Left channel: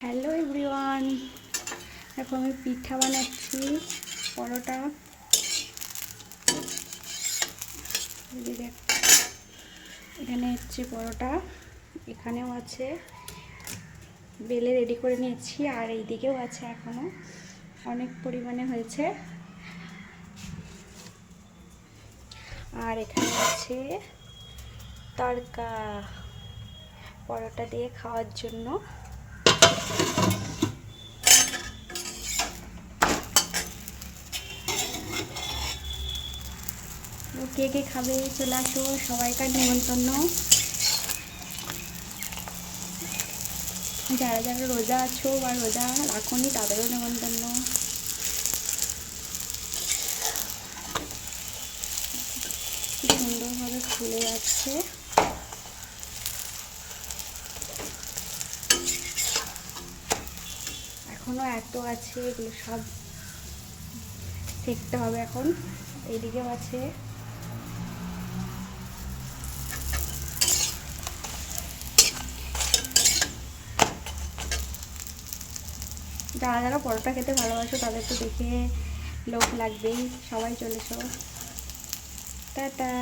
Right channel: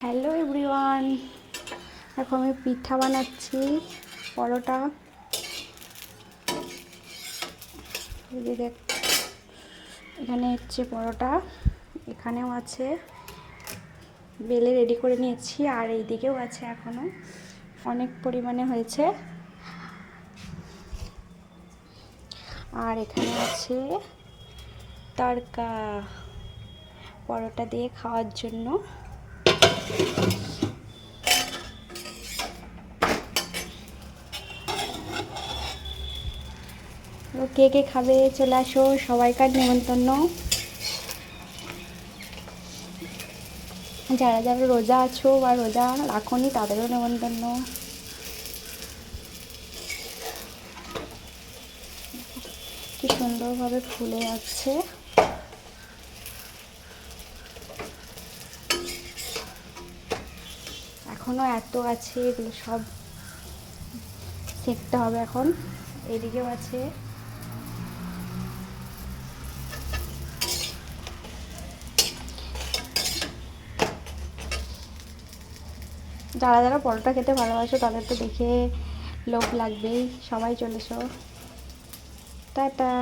Hello everyone, এখন আমি পিঠা বানাচ্ছি, পরোটা। এখানে হচ্ছে পরোটা, এখানেও আছে, বেলে রেডি করে নিয়েছি, আর এই দিকেও আছে, এখনো অনেক পরিমাণে হয়েছে। আর এখানে আছে তড়কা পরোটা দিয়ে খাওয়ার জন্য। কে কে খাবে চলে আসো, সবাইকার নেমন্তন্ন। যারা যারা রোজা আছো বা রোজা রাখোনি তাদেরও নেমন্তন্ন। কি সুন্দরভাবে ফুলে যাচ্ছে। এখনো এত আছে, এগুলো সব সেঁকতে হবে এখন। এদিকেও আছে। যারা যারা পরোটা খেতে ভালোবাসো তাদের তো দেখে লোভ লাগবেই। সবাই চলে এসো, টাটা।